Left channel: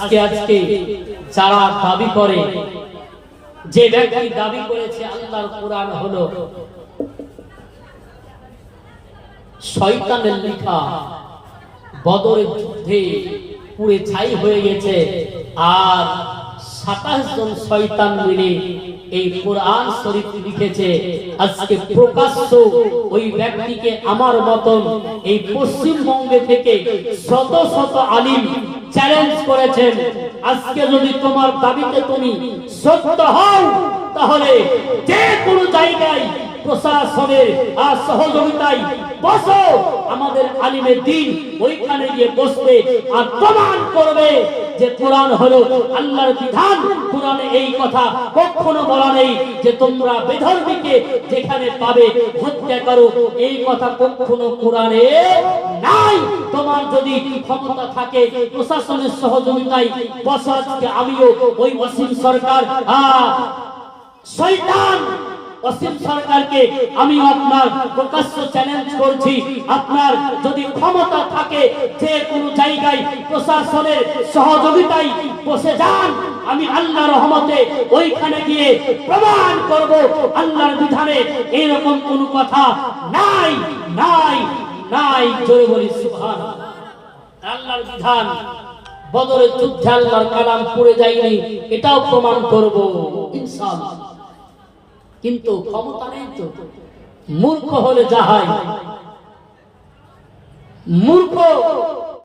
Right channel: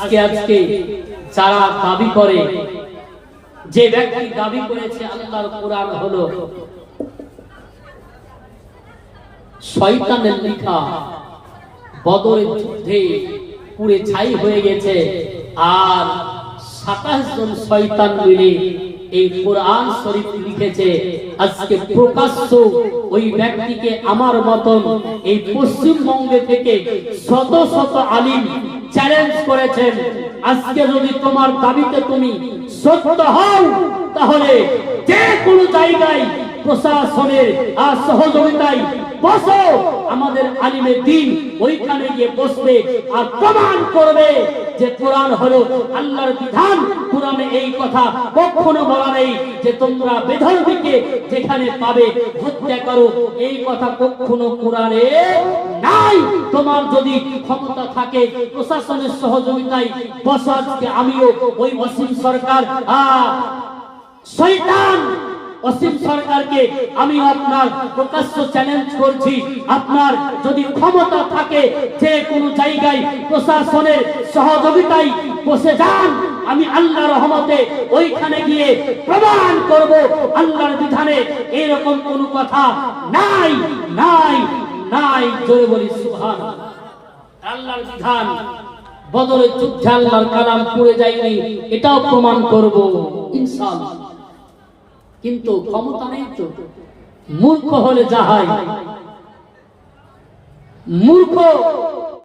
আজকে আজকে যারা দাবি করে, যে ব্যক্তি দাবি করেছে আল্লাহর কোরআন হলো শয়তানের লেখা বদরের যুদ্ধে পুড়ে ছাই হয়ে গেছে, আর সাতাশ জন শয়তান মিলে এই কোরআন শরীফ লিখেছে। আজকে প্রকাশ্য ওই ব্যক্তিকে আমার মতন এই পশ্চিমবঙ্গে থেকে শত শত আলিম চ্যালেঞ্জ করেছেন। আজকে যদি তোমার দাবিতে তুমি সত্য হও তাহলে যে প্রশাসনের আর সহযোগিতায় বসো। আমাদের আলিমের দিন ওইখানে গিয়ে বসবে আর প্রমাণ করবে যে কোরআন হলো আল্লাহর বিধান। কোরআনে এই কথা কখনো বলা নেই যে তোমরা বেধর্মীকে যেখানে পাবে হত্যা করো। এই কথা কখনো কোরআনে নাই। তোমার যদি ক্ষমতা থাকে প্রশাসনের সহযোগিতায় বসো আজকে আমিও ওই অসীম সরকার শয়তান অসীম সরকারকে আমি আপনার প্রকাশ্য চ্যালেঞ্জ করছি। আপনার যদি ক্ষমতা থাকে, যে কোন জায়গায় প্রশাসনের সহযোগিতায় বসে যান, আমি আল্লাহ রহমতে ওইখানে গিয়ে প্রমাণ করব, আল্লাহর বিধানে এরকম কোনো কথা নাই নাই নাই, জোরে বলি সুবহান আল্লাহর বিধান বদলের যুদ্ধে আল্লাহর কালাম পড়ে যায়নি, এটাও প্রমাণ করব, ইনশাআল্লাহ। কিন্তু ক্ষমতা নেই তো। মূর্খ হলে যা হয়। মূর্খ